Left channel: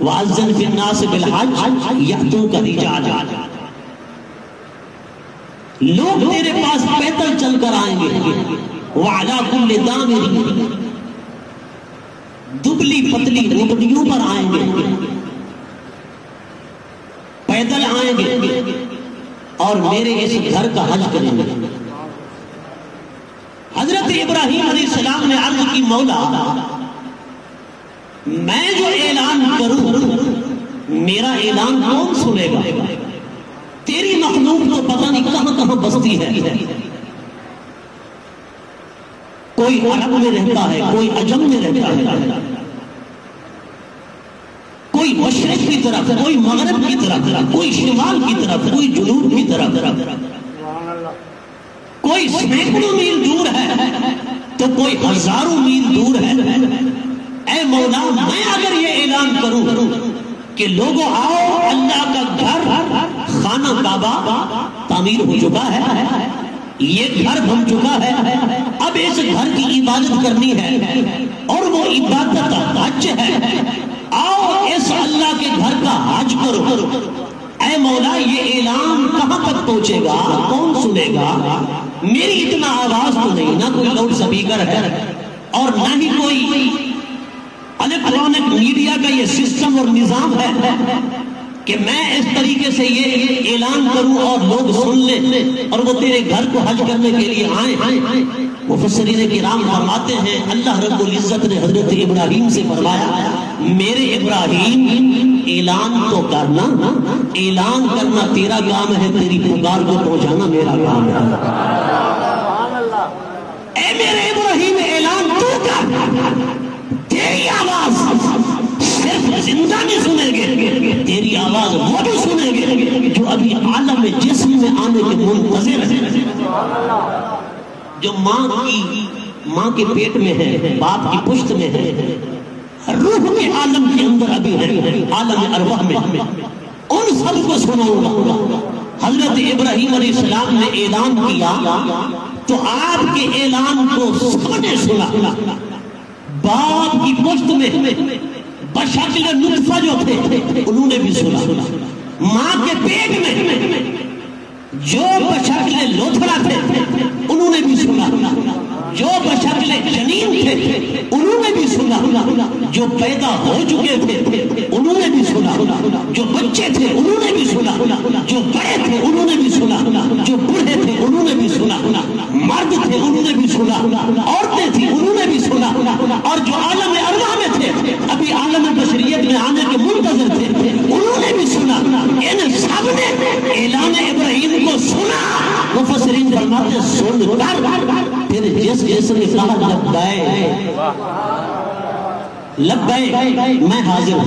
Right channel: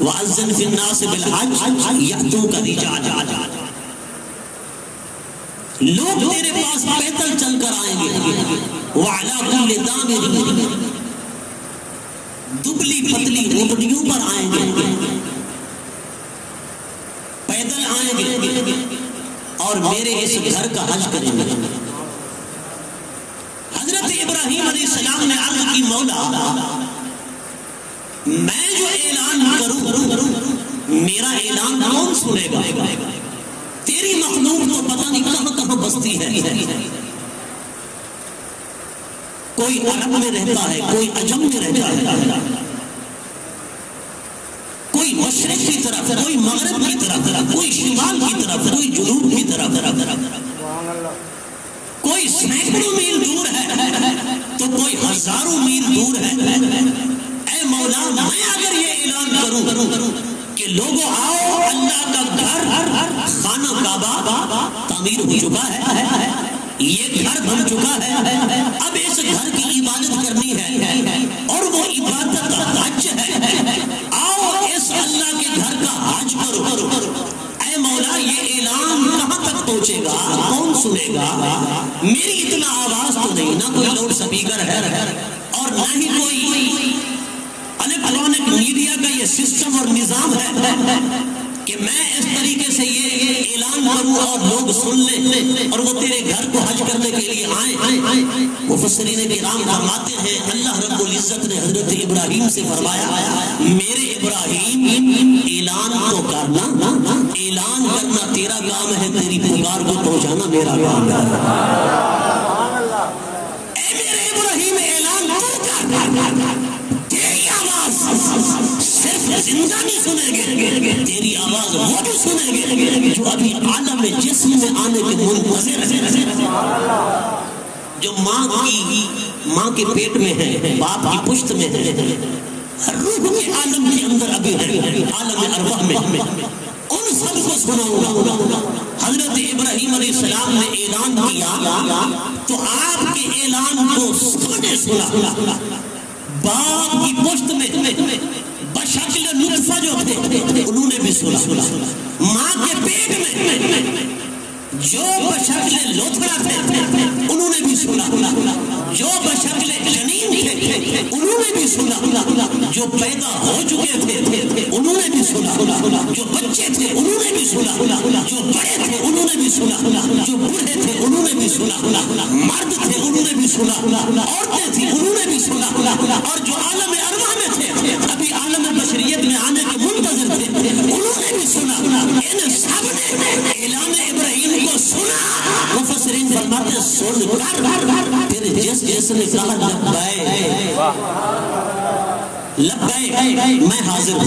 وَأَذِّنْ فِي النَّاسِ بِالْحَجِّ يَأْتُوكَ رِجَالًا، لوگ تیرے پاس پیدل چل کر آئیں گے. وَعَلَىٰ كُلِّ ضَامِرٍ، دبلی پتلی اونٹنیوں پر آئیں گے، پیدل آئیں گے اور میرے اس گھر کا حج کریں گے. حضرت ابراہیم علیہ السلام نے عرض کی مولا میں جو اعلان کروں میرا اعلان کون سنے گا؟ تیری مخلوق تو پتہ نہیں کہاں کہاں بستی ہے، کوئی عرب میں رہتا ہے، کوئی عجم میں رہتا ہے، کوئی مشرق کی طرف، کوئی مغرب کی طرف، کوئی شمال کی طرف، کوئی جنوب کی طرف، کوئی سینکڑوں میل دور ہے تو کوئی ہزاروں میل دور ہے. اے مولا میں اگر یہ اعلان کروں کہ لوگوں آؤ اللہ کا گھر خانہ کعبہ تعمیر ہو چکا ہے، یہ گھر بن چکا ہے، اب اس گھر کی عبادت کرنی ہے اور وہ عبادت حج ہے، آؤ اس اللہ کے گھر کا حج کرو. اے مولا یہ اعلان کہاں تک پہنچے گا؟ کون سنے گا؟ میری اتنا آواز تو نہیں، نہ کوئی لاؤڈ اسپیکر ہے اور نہ ہی کوئی الیکٹرانک میڈیا کا یہ سسٹم اور نظام ہے کہ میں اس طریقے سے یہ اعلان کروں اور لوگ سن لیں اور وہ تیرے گھر کو حج کرنے کے لیے آئیں. مفسرین کرام فرماتے ہیں اللہ رب العزت نے حضرت ابراہیم سے فرمایا میرے ابراہیم اعلان تو کرنا، اعلان کرنا تیرا کام ہے، تیری پکار کو پہنچانا میرا کام ہے. اے میرے ابراہیم اعلان تو کر، تیری آواز صرف زندہ نہیں سنیں گے، تیری آواز وہ بھی سنیں گے جو ابھی عالم جسم میں آنے کے منتظر ہیں، جو ماں کے پیٹ میں ہے، باپ کی پشت میں ہے، روح کے عالم کے اندر ابھی ہے، عالم ارواح میں، ان سب کو سناؤں گا. حضرت ابراہیم علیہ السلام نے اعلان کیا تو آپ کے اعلان کو سب نے سنا. باپ کی پشت میں بشکل نطفہ جو تھے انہوں نے بھی سنا، ماں کے پیٹ میں جو بشکل لوتھڑا تھے انہوں نے بھی سنا، جو بشکل جنین تھے انہوں نے بھی سنا، جو پیدا ہو چکے تھے انہوں نے بھی سنا، جو بچے تھے انہوں نے بھی سنا، جو بڑے تھے انہوں نے بھی سنا، جو بوڑھے تھے انہوں نے بھی سنا، مرد تھے انہوں نے بھی سنا، عورتیں تھیں انہوں نے بھی سنا، اور جو عالم ارواح میں تھے ابھی عالم بشریت میں آنے کے منتظر تھے انہوں نے بھی سنا. ان سب نے اعلان ابراہیم کو سنا. مفسرین فرماتے سن کر پھر جس نے کہا لبیک میں حاضر ہوں،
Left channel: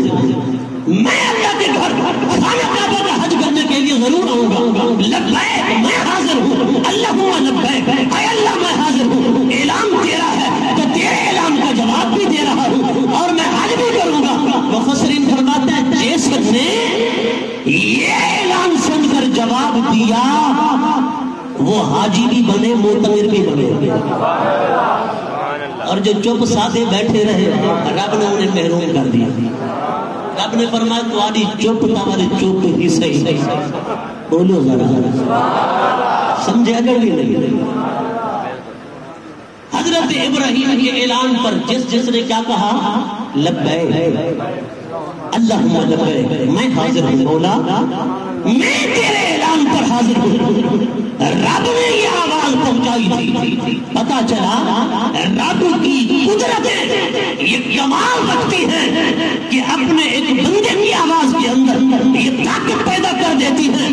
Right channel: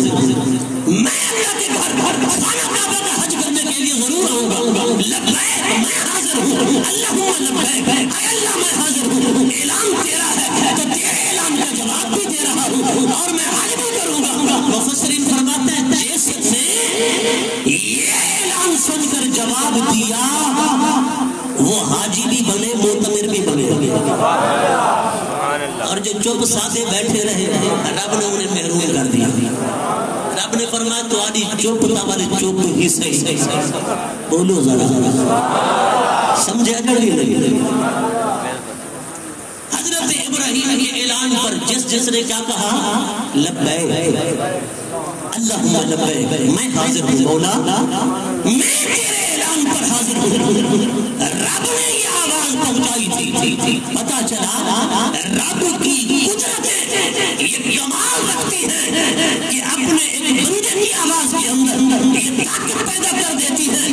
میں اللہ کے گھر خانہ کعبہ کا حج کرنے کے لیے ضرور آؤں گا، لبیک میں حاضر ہوں، اللہم لبیک، اے اللہ میں حاضر ہوں. اعلان تیرا ہے تو تیرے اعلان کا جواب بھی دے رہا ہوں اور میں حج بھی کروں گا. مفسرین فرماتے ہیں جس نے یہ اعلان سن کر جواب دیا وہ حاجی بھی بنے، معتمر بھی بنے، اور جو چپ سادے بیٹھے رہے رب نے انہیں محروم کر دیا. رب نے فرمایا تو آدھی چپ تمہارے چپ ہی صحیح. بولو ذرا سمجھے اگر بھی نہیں. حضرت ابراہیم کے اعلان پر جس نے کیا کہا لبیک اللہم لبیک میں حاضر ہوں مولا، میں تیرے اعلان پر حاضر ہوں. رب نے یہ آواز پہنچائی تھی. پتا چلا رب کی قدرت یہ کمال رکھتی ہے کہ اپنے ایک بندے کی آواز کے اندر یہ طاقت پیدا کر دیتی ہے.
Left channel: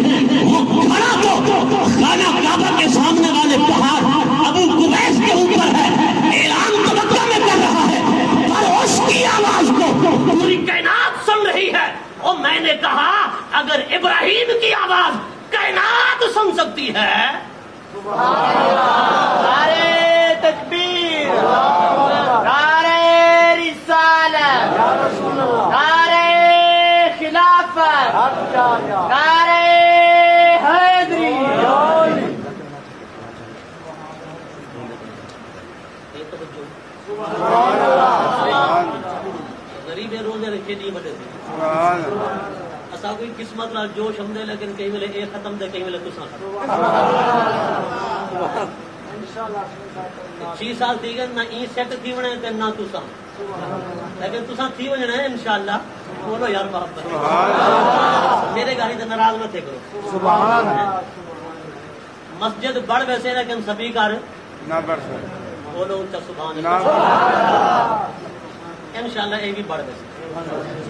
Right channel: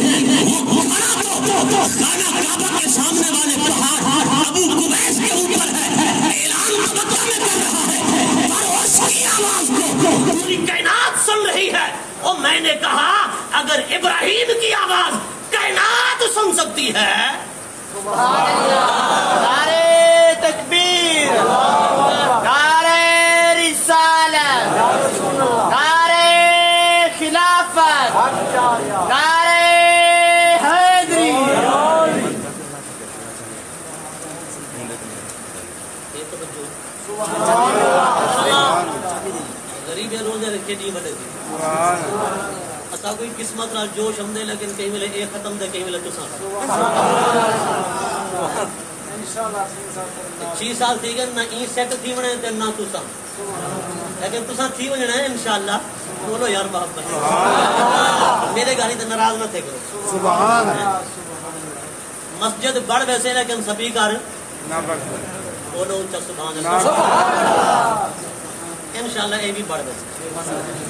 وہ کھڑا تو خانہ کعبہ کے سامنے والے پہاڑ ابو قبیس کے اوپر ہے، اعلان تو مکہ میں کر رہا ہے، پر اس کی آواز کو پوری کائنات سن رہی ہے. اور میں نے کہا اگر ابراہیم کی آواز کائنات سن سکتی ہے، نعرے تکبیر، نعرے رسالت، نعرے خلافت، نعرے حیدری. غریب روزے رکھے نہیں بنے تھے. اسا کوئی قسمت نال جوش ہم دے لیکن کہیں ویلے اے ختم دے کہیں ویلے تساں ختم 6 سال تھی گئے نہ ای سیٹ تھی ونے تے نہ تساں لیکن تساں تھی وجنا ہے انشاءاللہ بولو یار محبت میرے گاڑی تے ناراض نہ تھے کرو سبحان اللہ مسجد بڑھ ویسے لیکن سپیکر نہ بڑھ بولو اونچا سبحان اللہ انشاءاللہ اے بھی بڑھ ویسے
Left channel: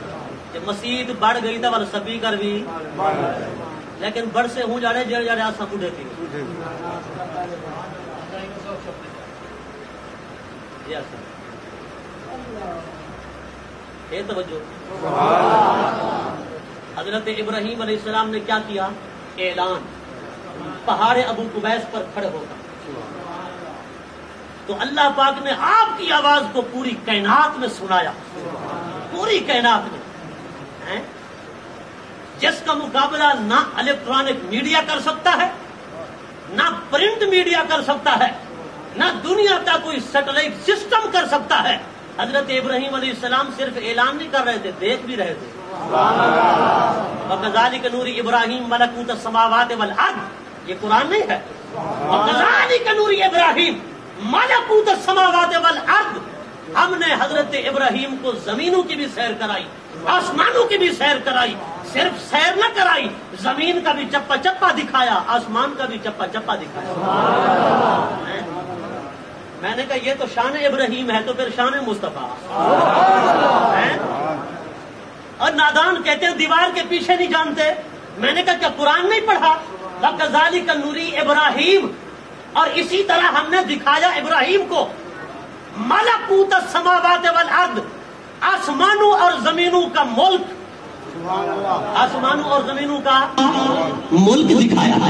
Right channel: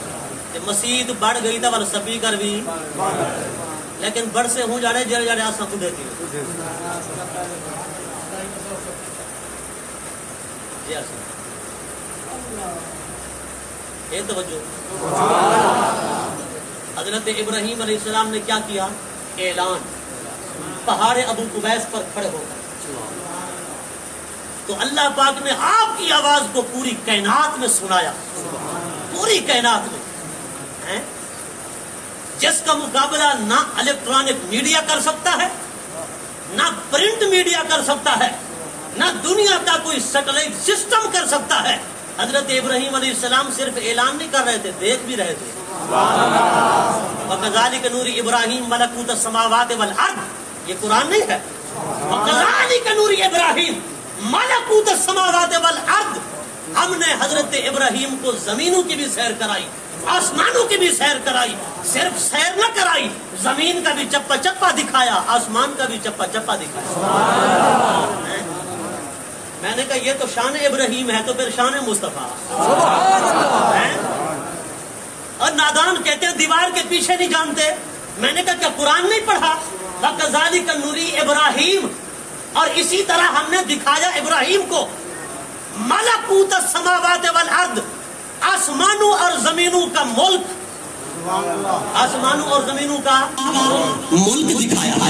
کہ مسجد بڑھ گئی تا ول سپیکر بھی لیکن بڑھ سے ہوں جاڑے جڑے جڑے آساں کو دیتی جی آساں اے توجہ حضرت ابراہیم علیہ السلام نے کیا کیا اعلان پہاڑ ابو قبیس پر کھڑے ہو کر تو اللہ پاک نے آپ کی آواز کو پوری کائنات میں سنایا پوری کائنات میں جس کا مقابلہ نہ الیکٹرانک میڈیا کر سکتا ہے نہ پرنٹ میڈیا کر سکتا ہے نہ دنیا کا کوئی سیٹلائٹ سسٹم کر سکتا ہے حضرت ابراہیم علیہ السلام صرف اعلان نہیں کر رہے تھے دیکھ بھی رہے تھے وَكَذَلِكَ نُورِ إِبْرَاهِيمَ مَلَكُوتَ السَّمَاوَاتِ وَالْأَرْضِ یہ قرآن نہیں ہے وَكَذَلِكَ نُورِ إِبْرَاهِيمَ مَلَكُوتَ السَّمَاوَاتِ وَالْأَرْضِ ہم نے حضرت ابراہیم کو زمینوں کی بھی سیر کرائی آسمانوں کی بھی سیر کرائی صرف سیر نہ کرائی زمین کا بھی چپا چپا دکھایا آسمان کا بھی چپا چپا دکھایا میں نے کہا یہ تو شان ابراہیم ہے تو پھر شان مصطفیٰ اور نادان کہتے ہیں دیوار کے پیچھے نہیں جانتے میں نے کہا کیا قرآن نہیں پڑھا وَكَذَلِكَ نُورِ إِبْرَاهِيمَ اور اسی طرح ہم نے دکھایا ابراہیم کو ملکوت السماوات والارض آسمانوں اور زمینوں کا ملک آسمانوں اور زمینوں کا ملک دکھایا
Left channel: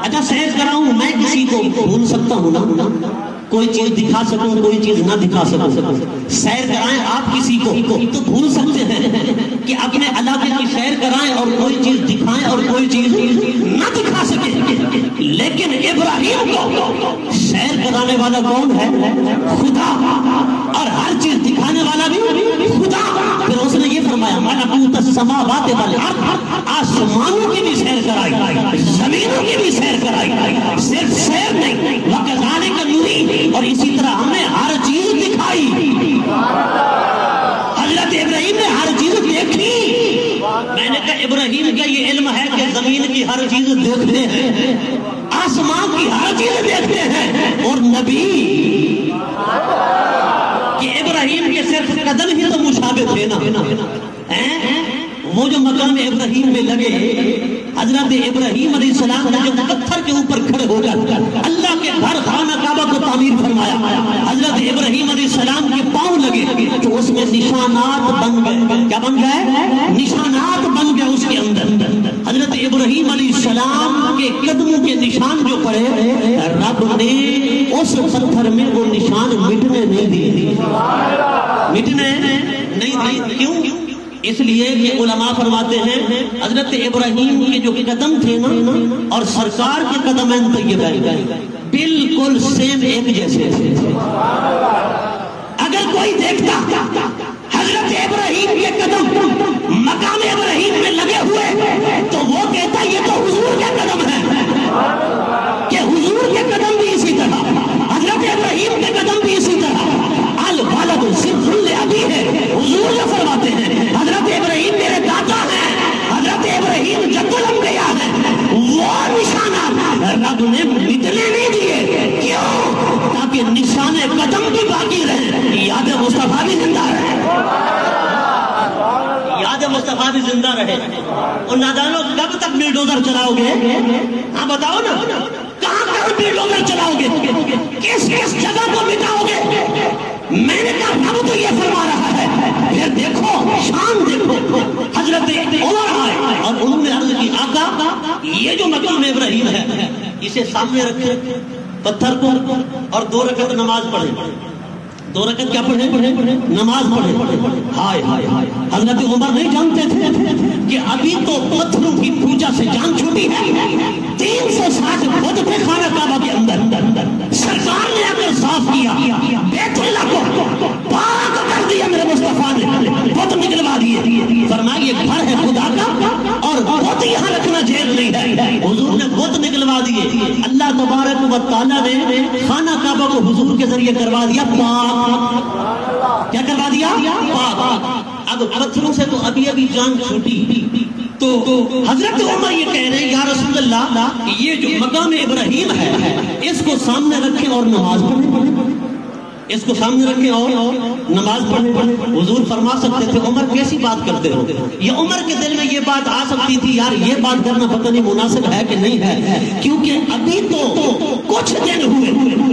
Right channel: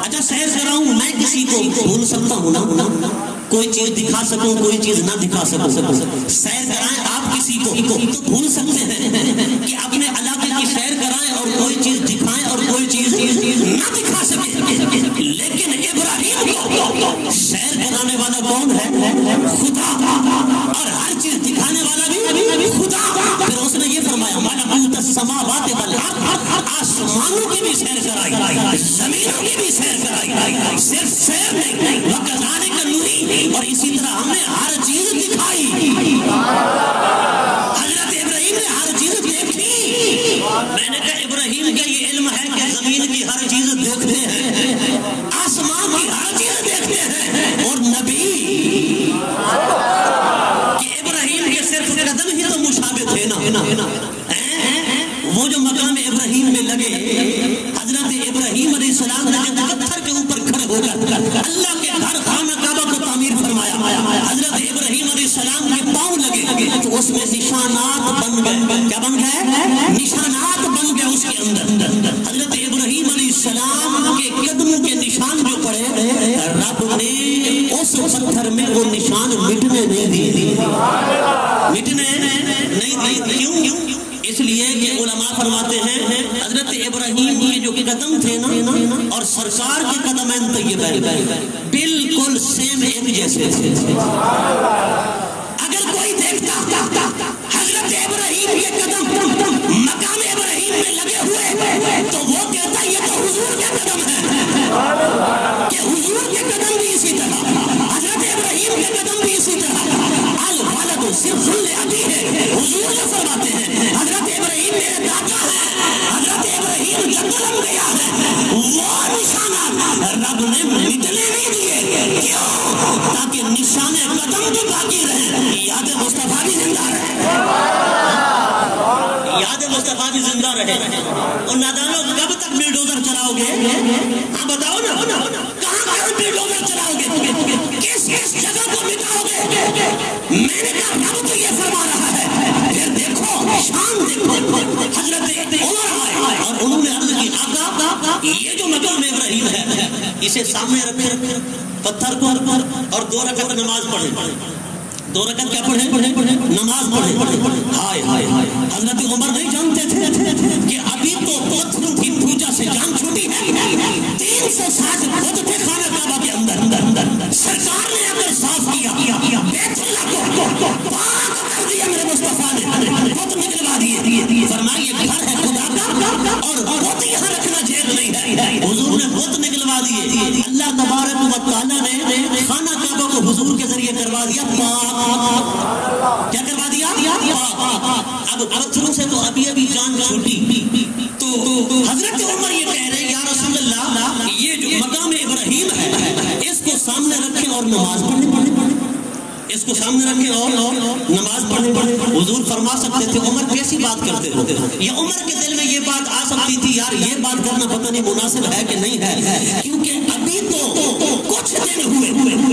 اچھا سیر کراؤں میں کسی کو بھول سکتا ہوں نا کوئی چیز دکھا سکوں کوئی چیز نہ دکھا سکوں سیر کرائیں آپ کسی کو تو بھول سکتے ہیں کہ اپنے علاقے کی سیر کرائیں اور کوئی چیز دکھائیں اور کوئی چیز نہ دکھا سکیں لیکن ابراہیم کو سیر کرانے والا کون ہے خدا اور ہر چیز دکھانے والا بھی خدا پھر اس نے یہ فرمایا ملکوت السماوات والارض آسمانوں کی بھی سیر کرائی زمینوں کی بھی سیر کرائی صرف سیر نہیں وَكَذَلِكَ نُورِ اور اسی طرح ہم نے ہر چیز دکھائی حضرت ابراہیم نے ہر چیز دیکھی میں نے کہا ابراہیم کا یہ علم ہے کہ زمین کی ہر چیز دیکھتے ہیں آسمان کی ہر چیز دیکھتے ہیں اور نبی کہ ابراہیم کے صرف قدم ہی تو مشابہ تھے نا وہ جو مقام ابراہیم میں لگے حضرت ابراہیم علیہ السلام نے جو پتھر کے اوپر کھڑے ہو کر اللہ کے گھر خانہ کعبہ کو تعمیر فرمایا حضرت ابراہیم علیہ السلام کے پاؤں لگے تو اس میں نشانات بن گئے کیا بن گئے نشانات بن گئے اس کے اندر حضرت ابراہیم علیہ السلام کے قدموں کے نشان جو پڑے رب نے اس پتھر میں وہ نشان مٹنے نہیں دیے مٹنے نہیں دیے کیوں اس لیے کہ علماء فرماتے ہیں حضرت ابراہیم کے جو قدم تھے نا اور سرکار کے قدم بالکل سیم ایک جیسے تھے اگر کوئی دیکھتا حضرت ابراہیم کے قدم مقام ابراہیم میں لگے ہوئے تو وہ کہتا یہ تو حضور کے قدم ہے کہ حضور کے قدم بھی اسی طرح حضرت ابراہیم کے قدم بھی اسی طرح الولد صرف ابھی ہے حضور جو فرماتے ہیں حضرت ابراہیم میرے دادا ہیں حضرت ابراہیم جد الانبیاء ہیں وہ نشانات رب نے مٹنے نہیں دیے کیوں تاکہ نشان قدم بھی باقی رہے یاد مصطفیٰ بھی زندہ رہے یاد مصطفیٰ بھی زندہ رہے اور نادانوں کب تک بلڈوزر چلاؤ گے ہاں بتاؤ نا کہاں کہاں بلڈوزر چلاؤ گے کس کس جگہ کو مٹاؤ گے میں نے کہا رب تو یہ فرما رہا ہے پھر دیکھو شان دیکھو حضرت عمر آئے اور انہوں نے عرض کی آقا یہ جو مقام ابراہیم ہے اسے سامنے رکھے پتھر کو اور 2 رکعت نماز پڑھے 2 رکعت کیا پڑھے نماز پڑھے ہائے ہائے ہائے حضرت عمر نہیں جانتے تھے کہ ابھی تو پتھروں کی پوجا سے جان چھوٹی ہے 360 بت تھے خانہ کعبہ کے اندر سرکار نے اگر صاف کیا بیت اللہ کو پاک کر دیا میرے مصطفیٰ نے بت نکلوا دیے فرمایا سے تو ابھی ابھی جان چھوٹی. تو حضرت عمر یہ کہہ رہے ہیں یا رسول اللہ یہ جو مقام ابراہیم ہے اس کو سامنے رکھیں اور نماز پڑھیں. اس کو سامنے رکھیں اور نماز پڑھیں. حضور فرما سکتے تھے عمر کیسی بات کرتے ہو. یہ عمر کے دل میں یہ بات آ سکتی تھی یار یہ بات کرنا پتہ نہیں مناسب ہے کہ نہیں ہے, کیونکہ ابھی تو کچھ دن ہوئے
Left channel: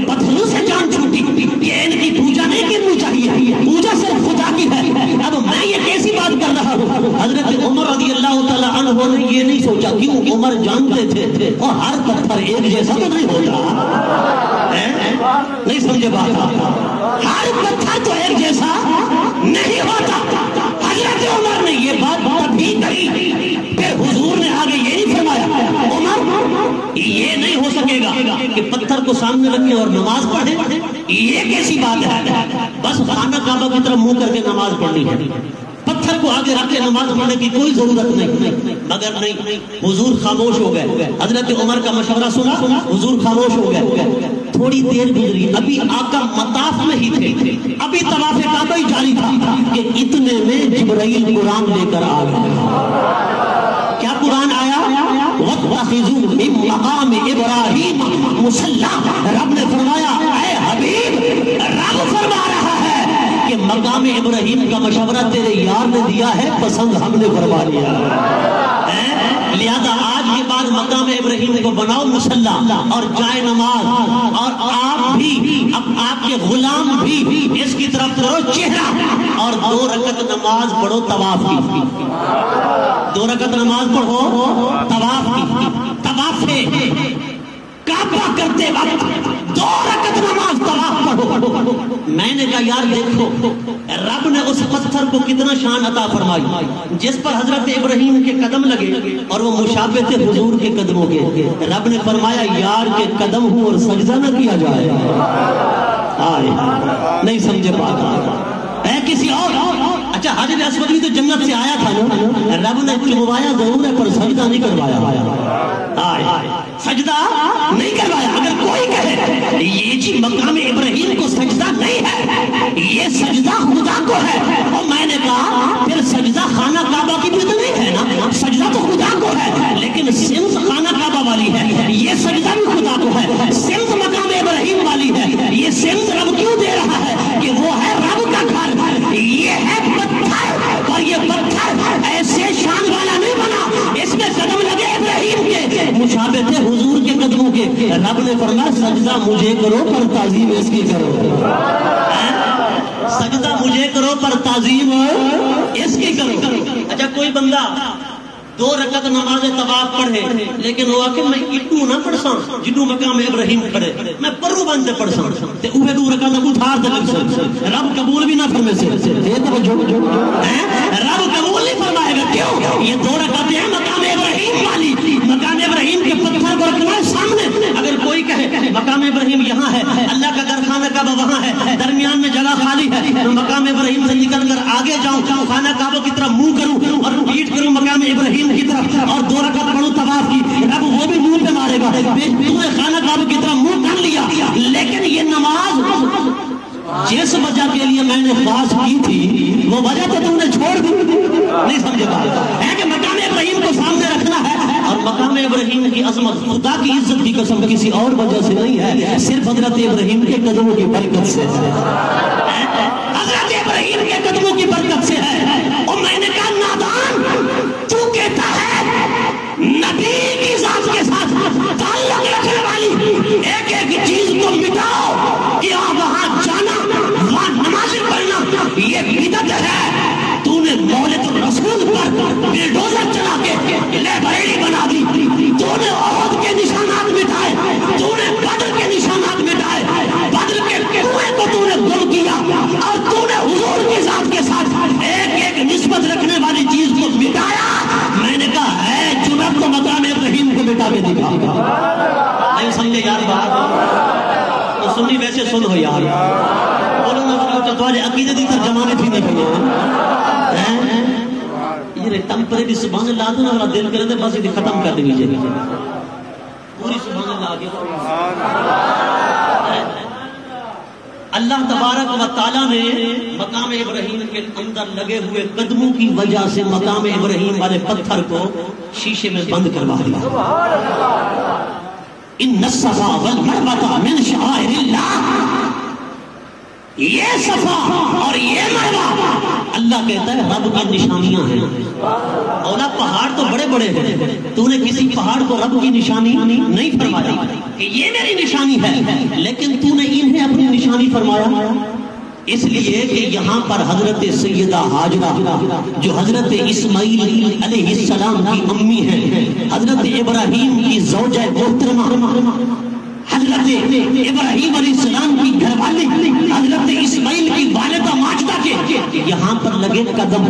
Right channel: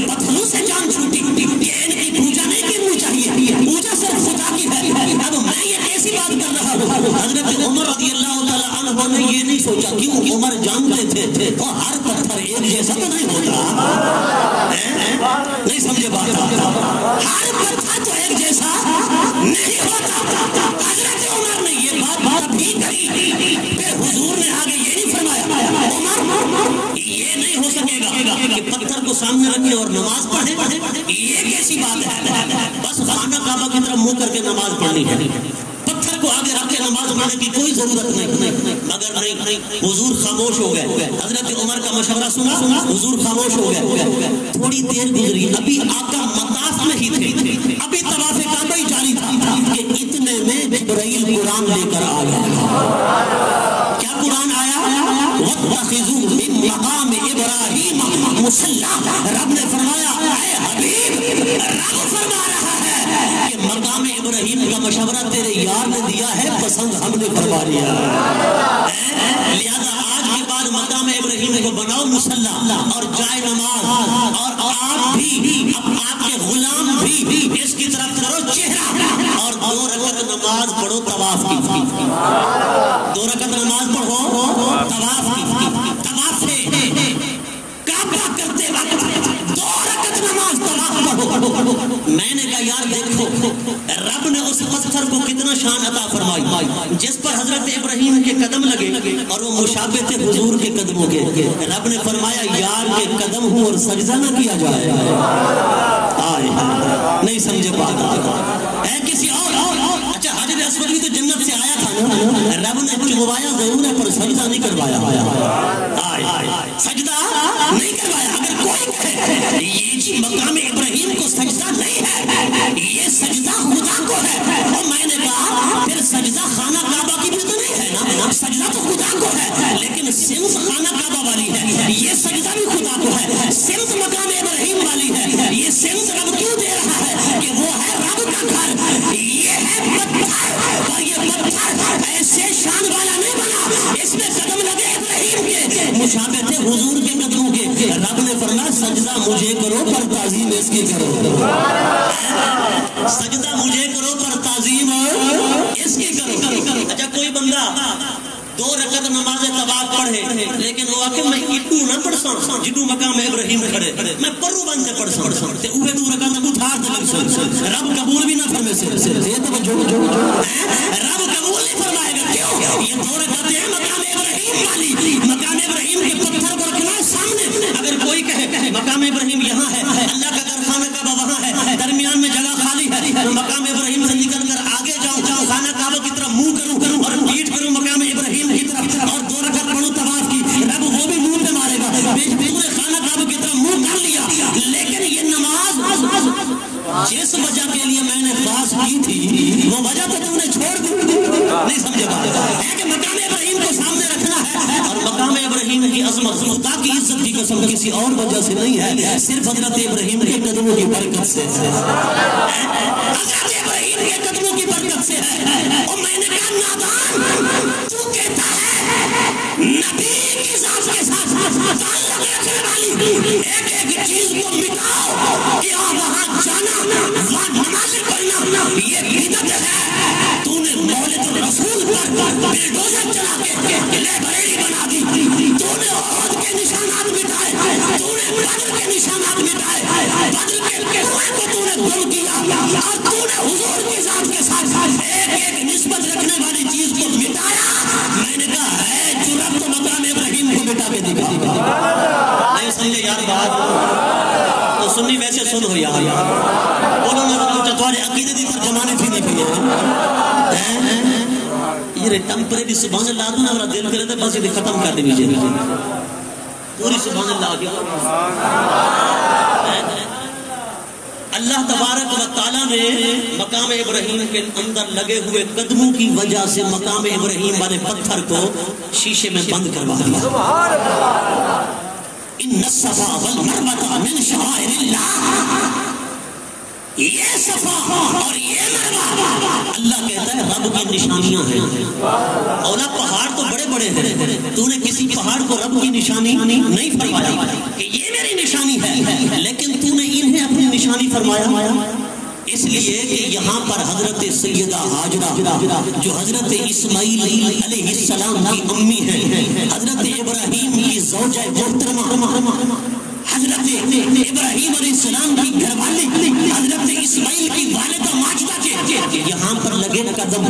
پتھروں سے جان چھوٹی کہ ان کی پوجا نہیں کرنی چاہیے, پوجا صرف خدا کی ہے. اب میں یہ کیسی بات کر رہا ہوں. حضرت عمر رضی اللہ تعالیٰ عنہ نے یہ نہیں سوچا, کیوں عمر جانتے تھے وہ ہر پتھر ایک جیسا تو نہیں ہوتا. نہیں سمجھے بات, ہر پتھر تو ایک جیسا نہیں ہوتا. حضرت عمر نے یہ بات بھی کہی کہ حضور نے آگے یہ نہیں فرمایا عمر یہ نہیں ہو سکے گا کہ پتھر کو سامنے رکھے اور نماز پڑھے. یہ کیسی بات ہے, بس خانہ کعبہ کی طرف منہ کر کے نماز پڑھنی ہے, پتھر کو آگے رکھ کے نماز پڑھنے کی کوئی ضرورت نہیں. مگر نہیں, حضور خاموش ہو گئے. حضرت عمر کا مشورہ سنا, حضور خاموش ہو گئے. تھوڑی دیر گزری, ابھی آقا مطاف میں ہی تھے, ابھی طواف کعبہ ہی جاری تھا کہ اتنے میں جبرائیل قرآن لے کر آ گیا. کیا قرآن آیا؟ وَاتَّخِذُوا مِن مَّقَامِ إِبْرَاهِيمَ مُصَلًّى. رب نے فرمایا اے حبیب, رب فرما رہا ہے کہ مقام ابراہیم کا مشورہ تیرے یار نے دیا ہے, پسند ہم نے فرما لیا. لہذا آج کے بعد مقام ابراہیم کو بناؤ مصلی اور جائے نماز, اور آپ بھی آپ کے غلام بھی اس کی طرف کرو چہرہ, اور 2 رکعت نماز پڑھو طواف کی. 2 رکعت نماز پڑھو طواف کی. طواف سے کعبہ کرتے وقت 2 رکعت نماز طواف پڑھو. میں نے کہا یار دیکھو رب نے اس پتھر کو کتنا شان عطا فرمائی جس پر حضرت ابراہیم کے قدم لگے اور وہ مشابہ تھے حضور کے قدموں کے. رب نے فرمایا یار کے قدم ہوں اور سجدہ نہ کیا جائے. نہیں سمجھے بات ہے کسی اور. اچھا حجر اسود بھی تو جنت سے آیا تھا نا, رب نے چلوایا ضرور ہے پر سجدہ نہیں کروایا. سجدہ نہیں کروایا. اگر کوئی کہے یہ جی مقام ابراہیم کو سجدہ نہیں ہے, یہ سجدہ خدا کو ہے, تو میں نے کہا پھر سجدہ خانہ کعبہ کی بھی تو نہیں ہے نا, سجدہ تو خدا کو ہے لیکن سمت خانہ کعبہ والی ہے, یہ سجدہ بھی خدا کو ہے. سمت مقام ابراہیم والی ہے, یہ سمت رب کیوں دے رہا ہے کہ وہ ہے رب کا گھر. یہ ہے پتھر, اور یہ پتھر ایسے شان والا نہیں بنا, اس میں قدم لگے ابراہیم کے مشابہ تھے حضور کے قدموں کے. رب نے فرمایا سجدہ مجھے کرو پر تعظیم اس کی کرو. سجدہ مجھے کرو پر تعظیم اس کی کرو. اچھا کوئی بندہ 2 رکعت نماز طواف پڑھے لیکن وہ کہ میں اتنو نہ پڑھ سا جنو مقام ابراہیم کھڑے, میں پرو بن سے پڑھ سا تے اوے 2 رکعت کو تھار تے لگ سا رب قبول بھی نہ فرمے سے. یہ تو رب قبول نہیں فرمائے گا. کیوں؟ یہ 2 رکعتیں ہیں مقام ابراہیم والی. مقام ابراہیم کے پتھر کو رکھنا ہے سامنے. اگر کوئی کہے مقام ابراہیم یہاں ہے, اللہ کا گھر خانہ کعبہ وہاں ہے, درمیان میں جگہ خالی ہے, تو مقام ابراہیم سے نکل کر آگے جاؤں, خانہ کعبہ کی طرف منہ کروں اور پیٹ کروں مقام ابراہیم کی طرف اور 2 رکعت پڑھوں طواف کی. رب وہ بھی منہ پہ مارے گا. خانہ کعبہ کی طرف منہ کر لیا, لیکن یہ نماز جس وجہ کے لیے میں نے خاص کی تھی وہ وجہ تو تم نے چھوڑ دی. نہیں سمجھے بات ہے کہ مقام ابراہیم کو سامنے رکھنا ہے, اور مقام ابراہیم کی عظمت خدا کی عزت کی قسم کسی اور وجہ سے نہیں ہے, صرف حضرت ابراہیم کے قدموں کی برکت سے. حضرت ابراہیم کے قدموں کی برکت سے ہے. اور میں نے کہا نادان تو کہتا ہے نبی کی ذات کے ساتھ تعلق رکھنے والی ایک ایک چیز کو مٹاؤ, کہ وہاں جانا وہاں نماز پڑھنا یہ بدعت ہے. تو نے مولد رسول پر بلڈوزر چلا کے لے بریلی بنا دی. تو نے عہد کے نشانات مٹائے, تو نے بدر کے نشانات مٹائے, بدر کے کنویں کو تو نے گم کیا, اور تو نے حضور کی ذات کے ساتھ ایک ایک نسبت رکھنے والی چیز کو مٹایا. میں نے کہا ہے جرأت تو مقام ابراہیم کو مٹا کے دکھا. نہیں سمجھے یار بات, تو سنی ویسے سن ہو یار. بولو میں تمہارے عقیدے کی ترجمانے تھی نہیں پڑی یہ ٹمپریری سبحان اللہ دوں ہمارا دل کرے تھے بس یہ ختم کر دیجیے پوری سبحان اللہ آ گیا. اللہ تبارک و تعالیٰ نے مقام ابراہیم کے اندر لگے ہوئے قدموں کی وجہ سے مقام ابراہیم والے پتھر کو شیشے میں بند کروا دیا. ان الصفا والمروہ من شعائر اللہ، یہ صفا اور یہ مروہ اللہ کہتا ہے رب کی نشانیاں ہیں. اولا پہاڑ تو بڑے بڑے ہیں، تو نے کسی پہاڑ کو رب کی نشانی نہیں فرمایا کہ یہ میری نشانی ہے، لیکن تو نے انہیں اپنی نشانی فرمایا. اس لیے کہ یہاں پر حضرت سیدہ ہاجرہ جو حضرت اسماعیل علیہ السلام کی امی ہیں، حضرت ابراہیم کی زوجہ محترمہ، حضرت ابراہیم علیہ السلام کی گھر والی حضرت اسماعیل کی والدہ ماجدہ کے یہاں پر لگے قدم.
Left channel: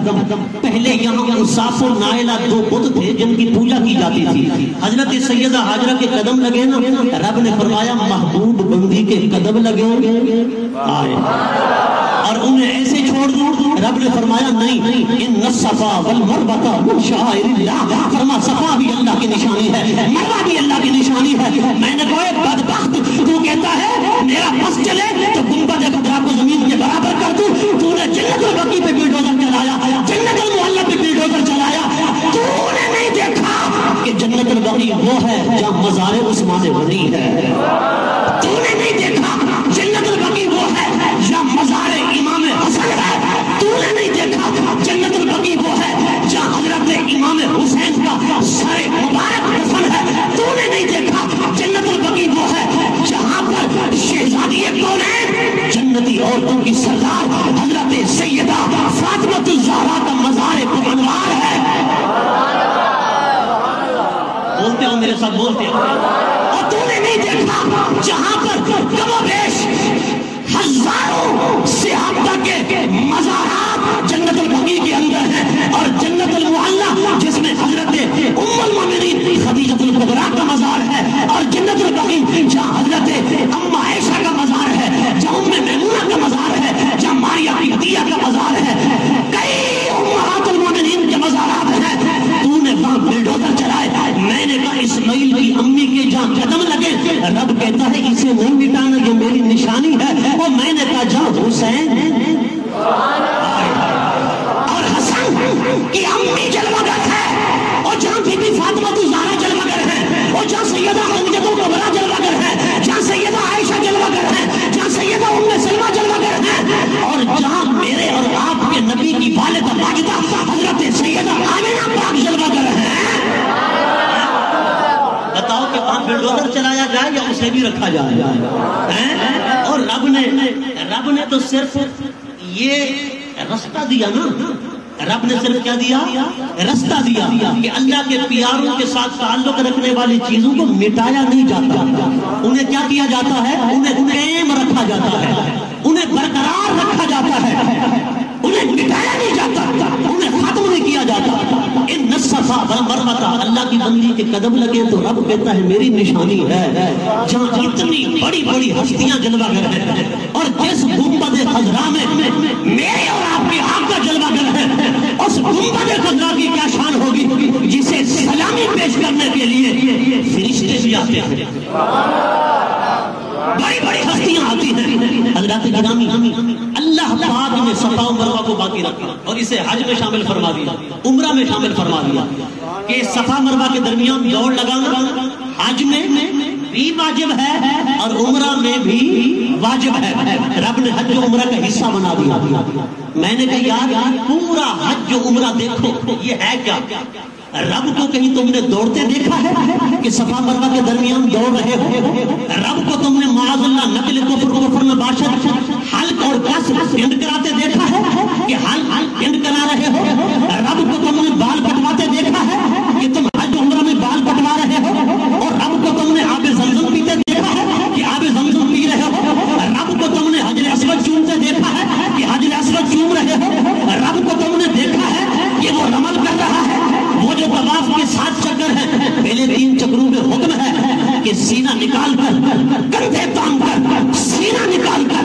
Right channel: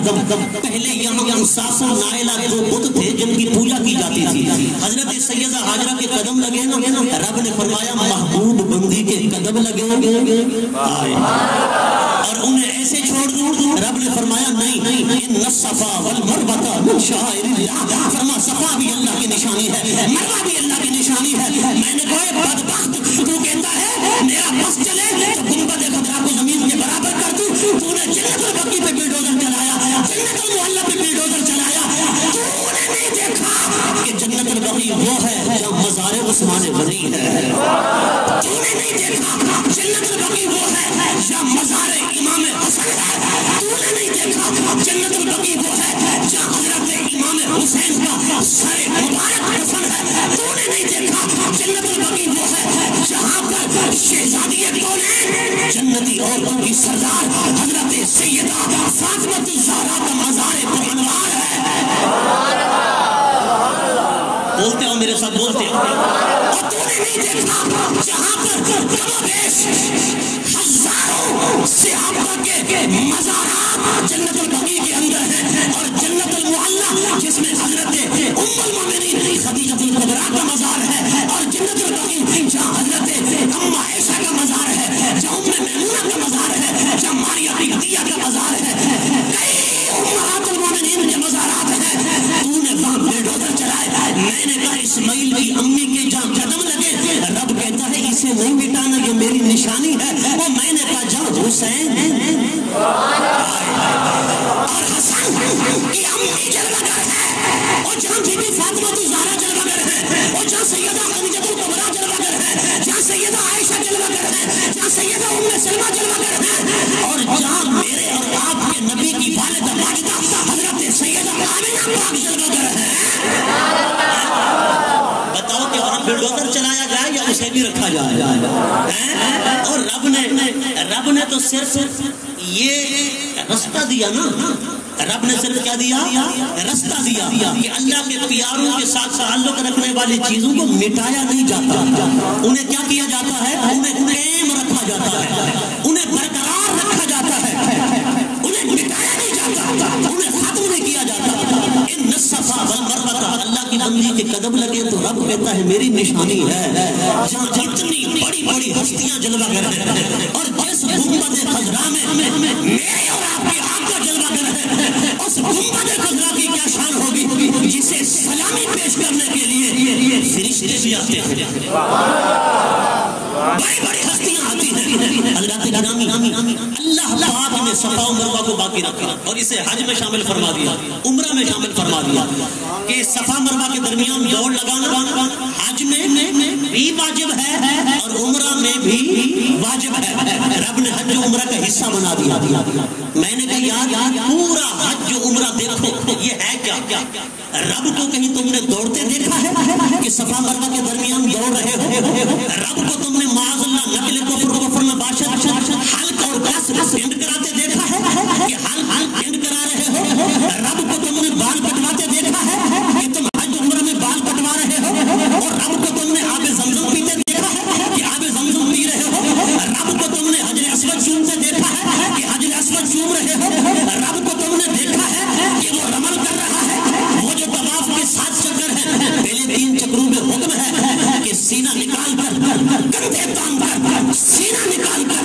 پہلے یہاں انصاف و نائلہ دو بت تھے جن کی پوجا کی جاتی تھی. حضرت سیدہ ہاجرہ کے قدم لگے نا، رب نے فرمایا محبوب بندی کے قدم لگے اور انہیں ایسے چھوڑ دوں. رب نے فرمایا نہیں، ان الصفا والمروہ من شعائر اللہ، فرما صفا بھی اللہ کی نشانی ہے، مروہ بھی اللہ کی نشانی ہے. میں نے کہا بدبخت، تو کہتا ہے میرا بس چلے تو گنبد خضرا کو زمین کے برابر کر دوں. تو نے جنت البقیع پہ بلڈوزر چلایا، جنت المعلی پہ بلڈوزر چلایا. تو نے نہیں دیکھا کہ جنت البقیع وہ ہے جہاں مزار عثمان غنی ہے. تو نے نہیں دیکھا جنت البقیع وہ ہے جہاں مزار امام حسن ہے. تو نے نہیں دیکھا جنت البقیع وہ ہے جہاں حضرت امام حسین کا سر مبارک دفن ہے. تو نے نہیں دیکھا جنت البقیع وہ ہے جہاں پر شہزادی کونین جنتی عورتوں کی سردار حضرت سیدہ فاطمہ الزہرا کا مزار پرانوار ہے. بولتے ہو میرے ساتھ، بولتے ہو. اور تو نے نہیں دیکھا جہاں پر کم و بیش ہزاروں صحابہ کے مزارات جنت البقیع کے اندر ہیں، اور جنت المعلی جس میں حضرت ام المومنین خدیجہ الکبریٰ کا مزار ہے، اور جنت البقیع جہاں حضرت اما عائشہ کا مزار ہے، جہاں ام میمونہ کا مزار ہے، جہاں ماریہ قبطیہ کا مزار ہے، کئی امہات المومنین کے مزارات ہیں. تو نے وہاں بلڈوزر چلائے. میں نے کہا اسماعیل کی امی کے جہاں قدم لگے، رب کہتا ہے اسے نہیں مٹانا، یہ میری نشانی ہے. اور میں نے کہا جہاں حسین اور حسن کی امی جلوگر ہے، اور جہاں بی بی فاطمہ الزہرا جلوگر ہے، اور جہاں سیدہ خدیجہ الکبریٰ جلوگر ہے، جہاں سیدہ عائشہ جلوگر ہے، جہاں سیدہ ام سلمہ جلوگر ہے، اور جہاں میرے اور آپ کے نبی کی والدہ ماجدہ حضرت سیدہ آمنہ پاک جلوگر ہے. بتاؤ کہ وہاں بلڈوزر چلایا جائے یا اسے بھی رکھا جائے؟ اور رب نے تو صرف یہ رستہ دیا نا. رب نے صرف کیا دیا؟ رستہ دیا کہ اللہ کے پیاروں کے ساتھ تعلق رکھنے والی چیزوں کو مٹایا نہیں جاتا. انہیں کیا کیا جاتا ہے؟ انہیں قائم رکھا جاتا ہے، انہیں برقرار رکھا جاتا ہے، انہیں مٹایا نہیں جاتا، انہیں ختم نہیں کیا جاتا. ان الصفا والمروہ، اللہ کی بندی کے قدم لگے تو رب کہتا ہے میری نشانی ہے. جہاں اتنی بڑی بڑی ہستیاں جلوہ گر ہیں، اور جس گنبد خضرا میں میرے اور آپ کے آقا جلوہ گر ہے، اس گنبد خضرا کی کیا شان ہوگی جسے سلامی پیش کرنے کے لیے فرشتے بھی آتے ہیں، بڑی بڑی ہستیاں آتی ہیں. حضرات گرامی، اللہ پاک نے صفا و مروہ کو باقی رکھا اور اسے حج میں شامل فرما دیا، عمرہ میں شامل فرما دیا کہ صفا مروہ کے درمیان دوڑ لگانا حج میں بھی واجب ہے اور عمرہ میں بھی واجب ہے. رب نے حج و عمرہ کا حصہ بنا دیا. میں نے کہا یار پورا حج و عمرہ دیکھو یہ ہے کیا؟ رب کو کہیں تم نے دوڑتے دیکھا ہے کہ صفا مروہ کے درمیان دوڑ رہے ہو؟ رب کو تم نے معاذ اللہ نقل کفر میں باشد حلق اور قصر پینڈ کراتے دیکھا ہے کہ حلق پینڈ کرا رہے ہو؟ رب کو تم نے بال کٹواتے دیکھا ہے کہ تم حج عمرہ میں بال کٹوا رہے ہو؟ اور رب کو تم نے آب زمزم پیتے دیکھا ہے کہ آب زمزم پی رہے ہو؟ رب کو تم نے حجر اسود چومتے دیکھا ہے کہ حجر اسود چوم رہے ہو؟ رب کو تم نے دیکھا ہے کہ وہ رمل کر رہا ہے؟ وہ جو طواف کے 7 چکر ہیں، پہلے 3 چکروں میں حکم ہے کہ سینہ نکال کر، کندھے تام کر، سینہ نکال کر،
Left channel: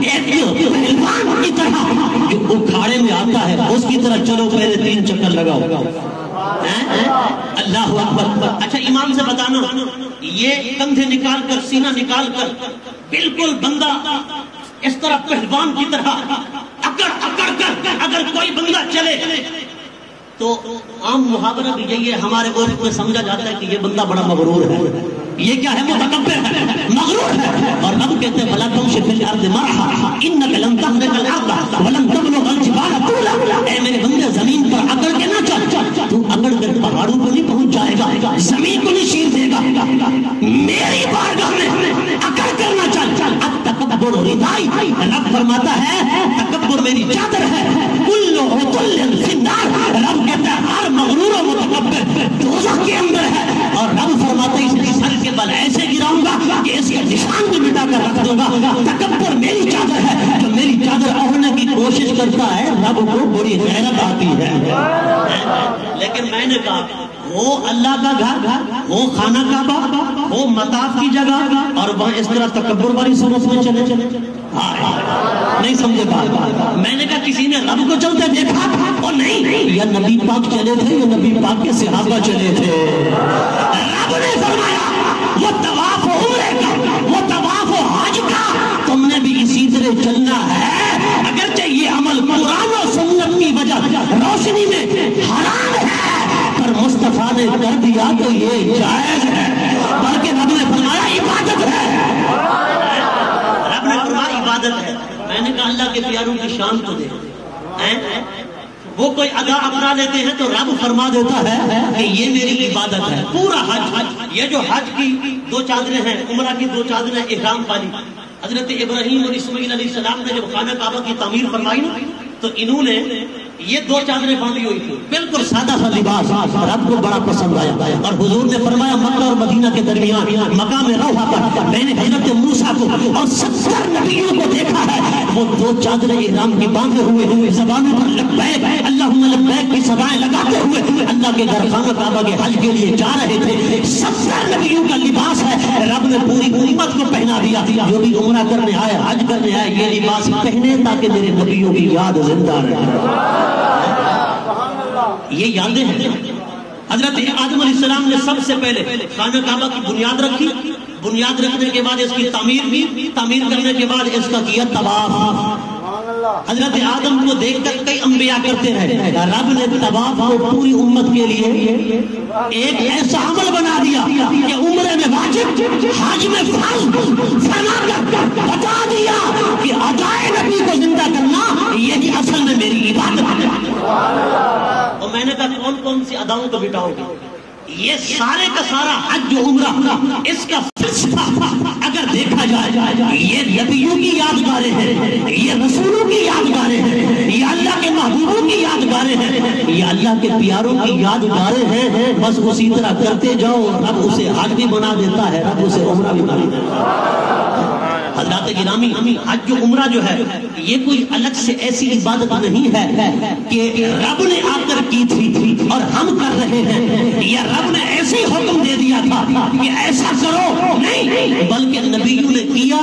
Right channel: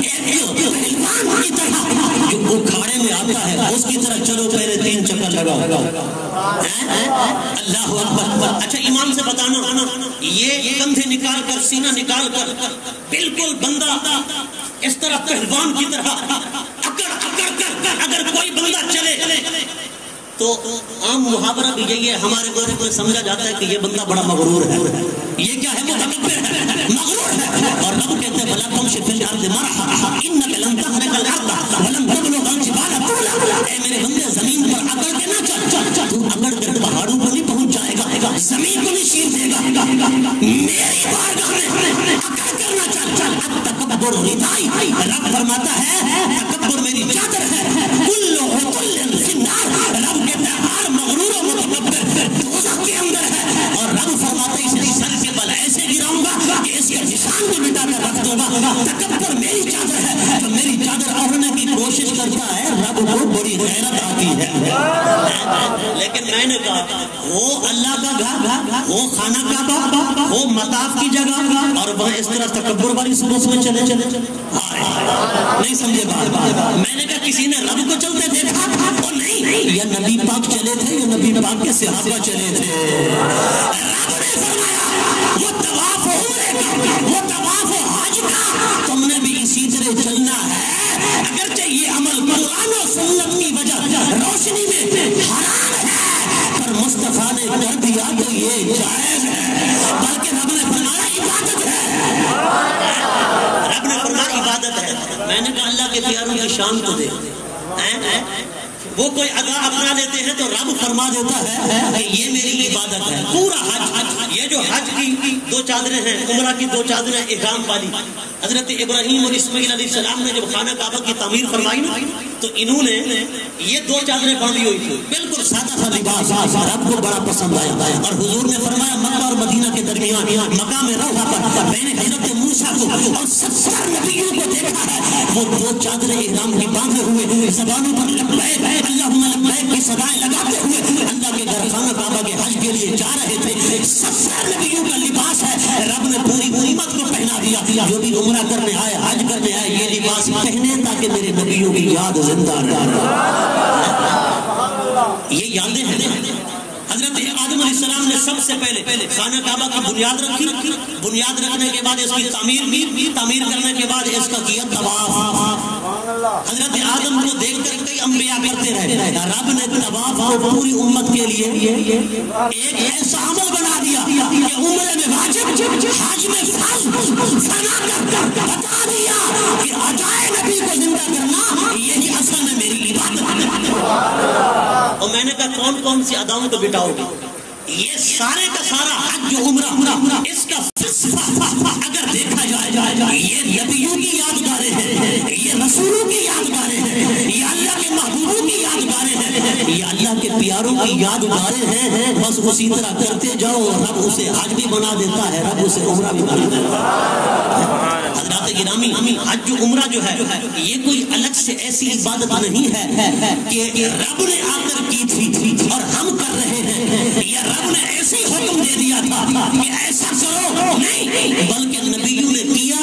ایک پہلوان کی طرح جو اکھاڑے میں آتا ہے اس کی طرح چلو، پہلے 3 چکر لگاؤ. اللہ اکبر. اچھا امام سے بتانا، یہ کندھے نکال کر، سینہ نکال کر، بالکل بندہ اس طرح پہلوان کی طرح اکڑ اکڑ کر اگر کوئی بندہ چلے تو عام محاورہ بھی یہی ہے، ہمارے عورت کو سمجھا جاتا ہے کہ یہ بندہ بڑا مغرور ہے، یہ کیا ہے، متکبر ہے، مغرور ہے. اور رب کہتے ہیں بلا تم سے فی الارض مرحا انک لن تخرق الارض ولن تبلغ الجبال طولا. اے میرے بندے زمین پر اکڑ کے نہ چل، تو اکڑ کر پہاڑوں کو نہیں پہنچ جائے گا، زمین کو نہیں چیر دے گا. میری بارگاہ میں اکڑ کر نہ چل. التکبر ردائی، رب فرماتا ہے تکبر میری چادر ہے. کل عتل فی النار، رب کہتا ہے ہر مغرور و متکبر دوزخ کے اندر ہے. اور رب فرماتا ہے اس سر کے بل ایسے گراؤں گا کہ اس کا نشان بھی مٹا کر رکھ دوں گا. تکبر میری چادر ہے، جو میری چادر اڑنے کی کوشش کرتا ہے رب کو بڑی حیرت آتی ہے. لیکن میں نے کہا وہ اللہ کا گھر، وہ خانہ کعبہ، وہ مطاف کی جگہ، اور وہاں اس طرح تکبر والی سوچ میں چلے نہیں سمجھے بات. میں نے کہا کسی نے رب کو چلتے دیکھا؟ وہ نہیں، یا نبی پاک چلے تھے، یا نبی پاک کے صحابہ چلے تھے. رب نے فرمایا وہ طواف عمرے کا، وہ طواف حج کا تم نے بھی اسی طرح چلنا ہے. اگرچہ یہ عمل قرآن و سنت کی وجہ روشنی میں حرام ہے، پر مصطفیٰ نے کر دیا تو یہ جائز ہے، بلکہ رب نے فرمایا عبادت ہے. رب نے فرمایا عبادت ہے. میں نے کہا اللہ کے پیاروں کی شان تو دے. وہ کوئی ادا اپنا لیتے ہیں تو رب فرما دیتا ہے کہ یہ میری عبادت ہے. پورا حج، یہ جو حج کی دو چادریں ہیں، عمرہ کی دو چادریں احرام والی، حضرت ابراہیم اور اسماعیل علیہ السلام نے جب خانہ کعبہ کی تعمیر فرمائی نا تو انہوں نے یہ دو چادریں باندھی ہوئی تھی، بالکل سادہ سا لباس، رب کو بڑا پسند آیا. اور حضور نے فرمایا مکہ اور مدینہ کے درمیان مقام روحہ پر میں نے حضرت موسیٰ کو اور 70 نبیوں کو دیکھا ہے، وہ دو چادریں احرام کی باندھے ہوئے زبانوں پر لبیک اللہم لبیک کی صدائیں لگاتے ہوئے اللہ کے گھر خانہ کعبہ کے حج کے لیے جا رہے تھے. 70 نبیوں کا لباس ہے، رب نے پوری امت کو پہنا دیا. جو بھی عمرہ کرنے آئے، حج کرنے آئے، یہ لباس پہنے تاکہ میرے نبیوں کی یاد زندہ رہے. یہ یادیں ہیں. حضرت آدم علیہ السلام نے سب سے پہلے خانہ کعبہ کی بنیاد رکھی، بنیاد رکھنے کے بعد اس کی تعمیر کرنے کے بعد اس کا کیا طواف. حضرت آدم کو دیکھ کر کئی انبیاء کرتے رہے. رب نے طواف کو پوری امت کے لیے ایک ایسا عمل بنا دیا کہ عمرے میں واجب، حج میں فرض، فرما کر بتا دیا کہ ادائے نبی کو زندہ کرنا یہی اصل میں میری عبادت ہے. اور میں نے کہا کون کون سی اداؤں کو بٹاؤ گے؟ یہ سارے کا سارا حج جو عمرہ، اس کا اگر دیکھا جائے یہ نبیوں کی یادگاریں ہیں، یہ رسولوں کی یادگاریں ہیں، یہ اللہ کے محبوبوں کی یادگاریں ہیں، یہ اللہ کے پیاروں کی یادگاریں ہیں. بس اسی طرح کرتے جاؤ، رب اسے حج بھی بنا دیتا ہے، رب اسے عمرہ بھی بنا دیتا ہے. حضرات گرامی، حج جو عمرہ جو ہے یہ کوئی الگ سے ایسی عبادت نہیں ہے کہ رب نے آ کر کی تھی اور ہم کر رہے ہیں، یا رب نے ایسے ہی حکم دے دیا تھا کہ ایسا کرو، نہیں، بلکہ نبیوں نے کیا.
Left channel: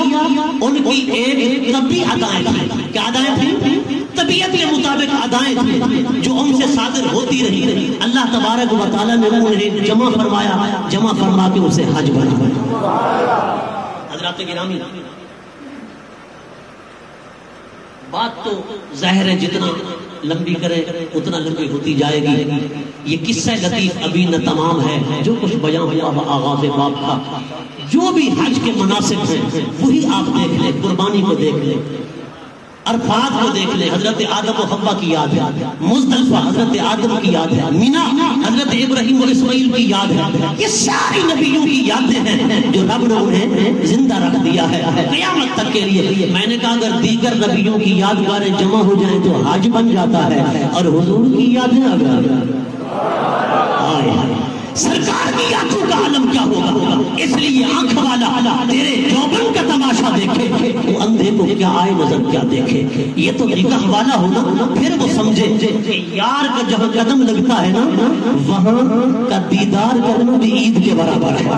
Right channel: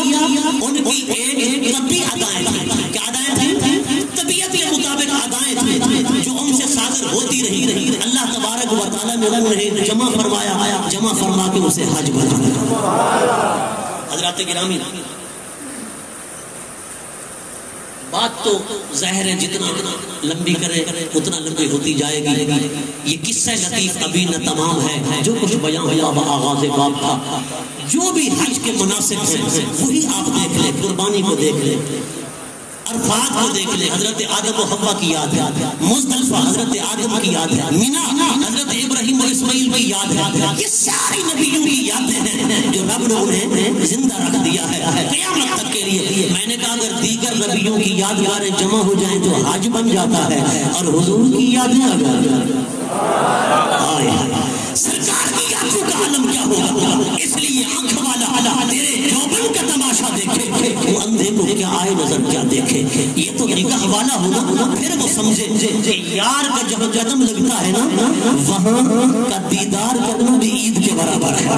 ان کی ایک طبی ادائیں تھیں. کیا ادائیں تھیں؟ طبیعت کے مطابق ادائیں تھیں جو ان سے صادر ہوتی رہی. اللہ تبارک و تعالیٰ نے انہیں جمع فرمایا، جمع فرما کے اسے حج بنا. حضرات گرامی، بات تو ظاہر ہے جتنا لمبی کرے اتنا لمبی ہوتی جائے گی. یہ قصہ لطیف ابھی نہ تمام ہے، جو کچھ بیان ہوا وہ آغاز باب تھا. جو بھی حج کے مناسب ہیں وہی آپ دیکھ لیں، قربانی کو دیکھ لیں، عرفات کو دیکھ لیں، حضرت آدم و حوا کی یاد ہے، مزدلفہ حضرت آدم کی یاد ہے، مینا حضرت ابراہیم و اسماعیل کی یاد ہے. یہ ساری نبیوں کی یادیں ہیں جو رب نے انہیں زندہ رکھ دیا ہے قیامت تک کے لیے. میں نے کہا اگر دیگر نبیوں کی یادگاریں جمع ہو جائیں تو حج بن جاتا ہے، اور حضور کی یادیں اگر سرکار کی یادوں کا عالم کیا ہوگا. اس لیے آنکھ والا تیرے یوبن کا تماشا دیکھے، وہ اندھے کو کیا آئے نظر کیا دیکھے. یہ تو نگاہ والا ہونا، پھر وہ سمجھے کہ یار کا جب قدم لگتا ہے نا وہاں کا دیدار کرنا بھی عید کے برابر ہے.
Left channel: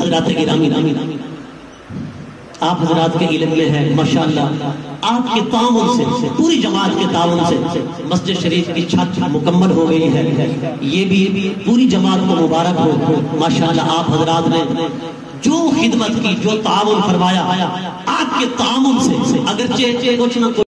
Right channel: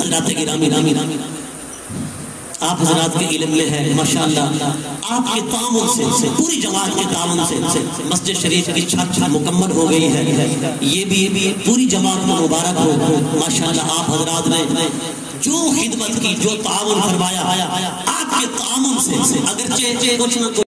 حضرات گرامی، آپ حضرات کے علم میں ہے ماشاءاللہ، آپ کے تعاون سے، پوری جماعت کے تعاون سے مسجد شریف کی چھت مکمل ہو گئی ہے. یہ بھی پوری جماعت کو مبارک ہو. ماشاءاللہ آپ حضرات نے جو خدمت کی، جو تعاون فرمایا، آپ کے تعاون اگرچہ کچھ نہ